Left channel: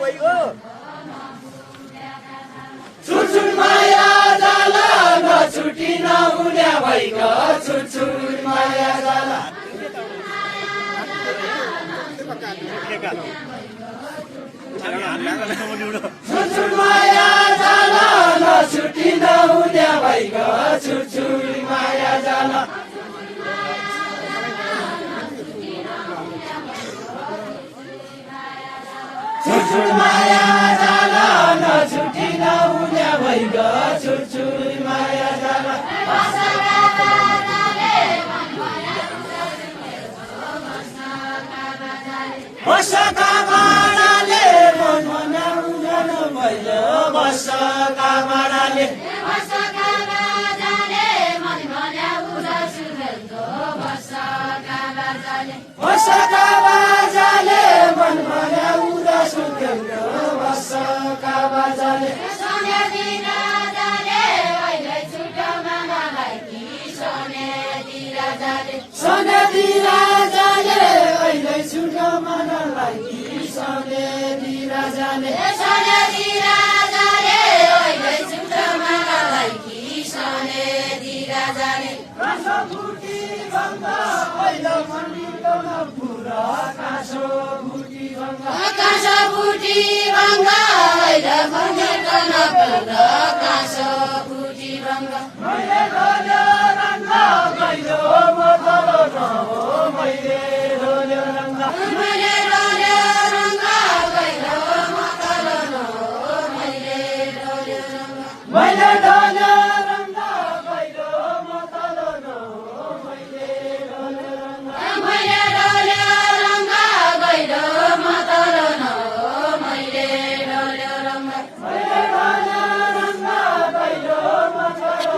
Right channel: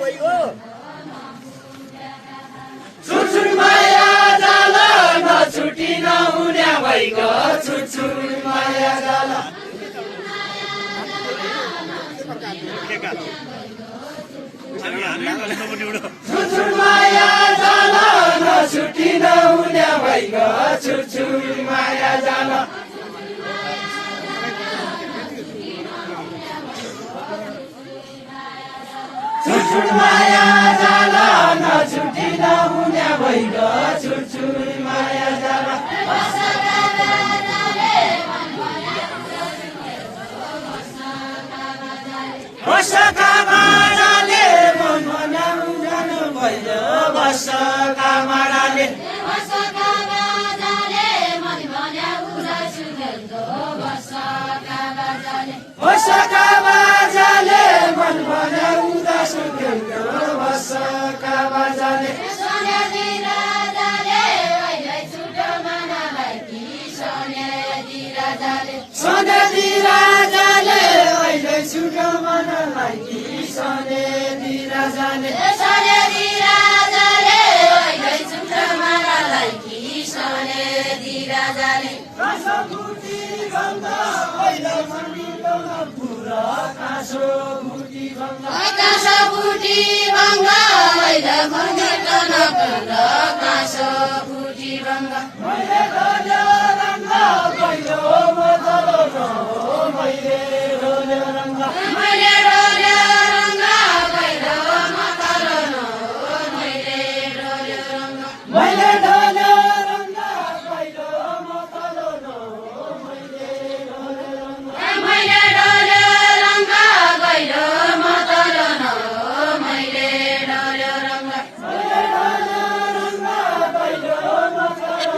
भइगयो छुटछुट माया जाल नछुटी नहुने भइगयो छुटछुट माया जाल छुटछुट माया जाल नछुटी नहुने भइगयो छुटछुट माया जाल छुटछुट माया जाल नछुटी नहुने भइगयो छुटछुट माया जाल बसका माराले मन मनाउन भइगयो बसका माराले बसका बाजाले मन मनाउन सुन्यो बसका बाजाले सनेदी राजाले अहिले छुटो मनलाई कि सनेदी राजाले सनेदी राजाले अहिले छुटो मनलाई कि सनेदी राजाले कासो फुटी गङ्गा पहिलो मन्दिर पुरा कासो फुटी गङ्गा कासो फुटी गङ्गा अहिले मन्दिर पुरा कासो फुटी गङ्गा मैले रोल्यो रङ्गा पहिलो मदलो मैले रोल्यो रङ्गा मैले रोल्यो रङ्गा पहिलो मदलो मैले रोल्यो रङ्गा मैले रोल्यो रङ्गा पहिलो मदलो मैले रोल्यो रङ्गा मैले रोल्यो रङ्गा पहिलो मदलो मैले रोल्यो रङ्गा मैले रोल्यो रङ्गा पहिलो मदलो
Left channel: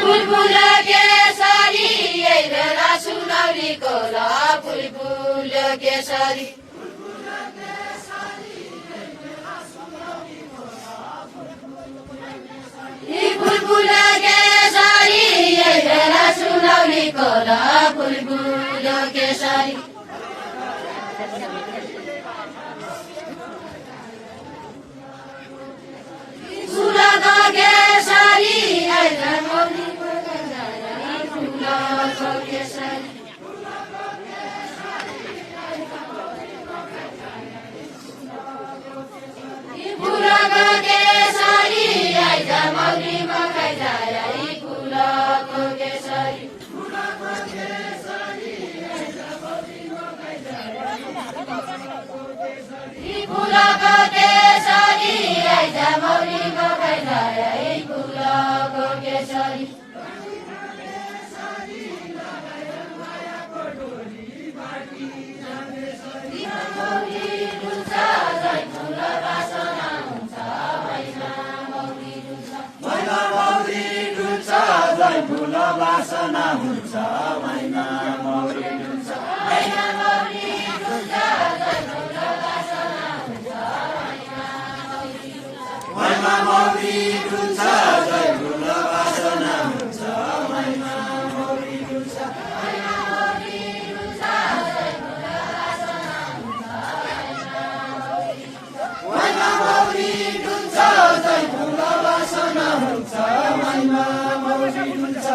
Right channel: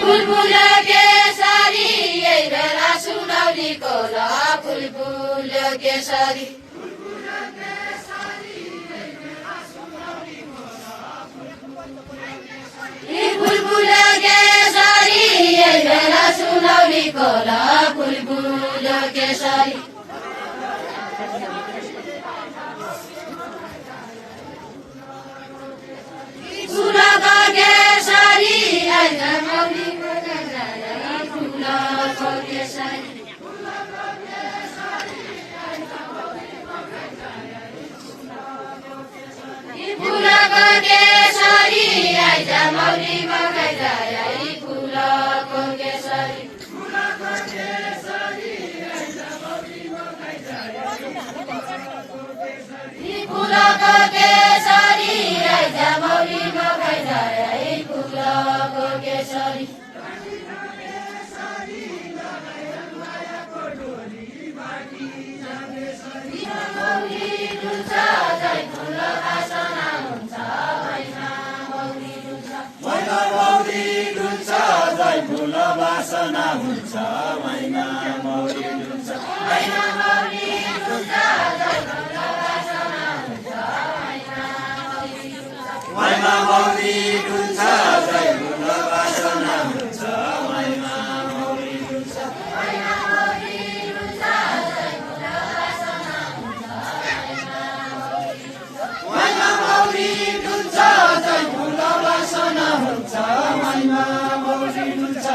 फुलफुल केसरी यही बेला सुनौली कोला फुलफुल केसरी फुलफुल केसरी यही बेला सुनौली कोला फुलफुल केसरी सुलका केसरी अहिले मौलीको फुलको केसरी फुलको केसरी अहिले मौलीको फुलको केसरी फुलको केसरी अहिले मौलीको फुलको केसरी फुल बासना हुन्छ मैना मौरी हुन्छ मैना मौरी हुन्छ मैना मौरी हुन्छ फुल बासना हुन्छ मैना मौरी हुन्छ मैना मौरी हुन्छ फुल बासना हुन्छ मैना मौरी हुन्छ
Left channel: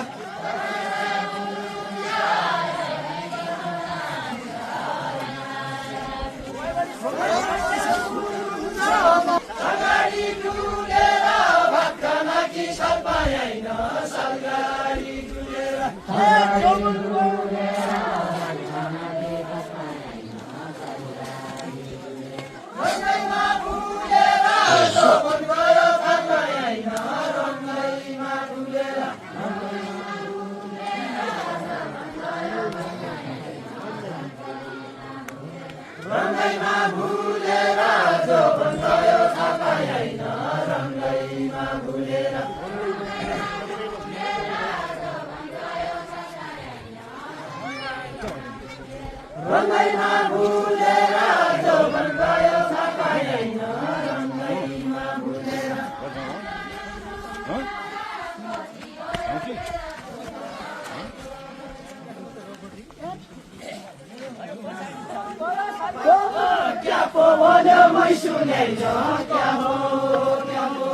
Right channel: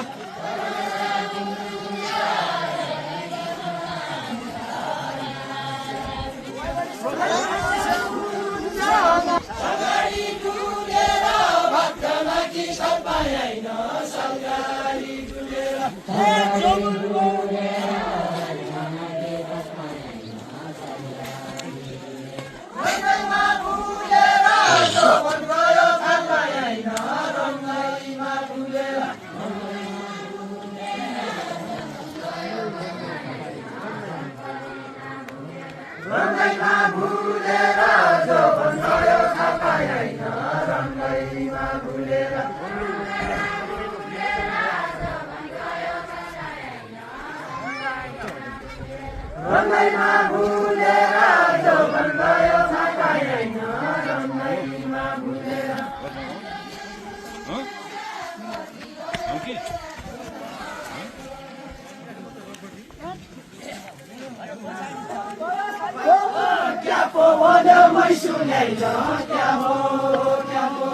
सरकारी डुलेर भक्तन कि सर्पाइन सरकारी डुलेर भक्तमा डुलेर गयो भक्तैन रन्दैमा भुलेर रन्दैमा भुलेर जौवन गयो छाकाइ हैन रन्दैमा भुलेर क्या पो भन्यो मै सुनेन क्या हो क्या हो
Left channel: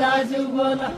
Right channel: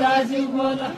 दाजु बोला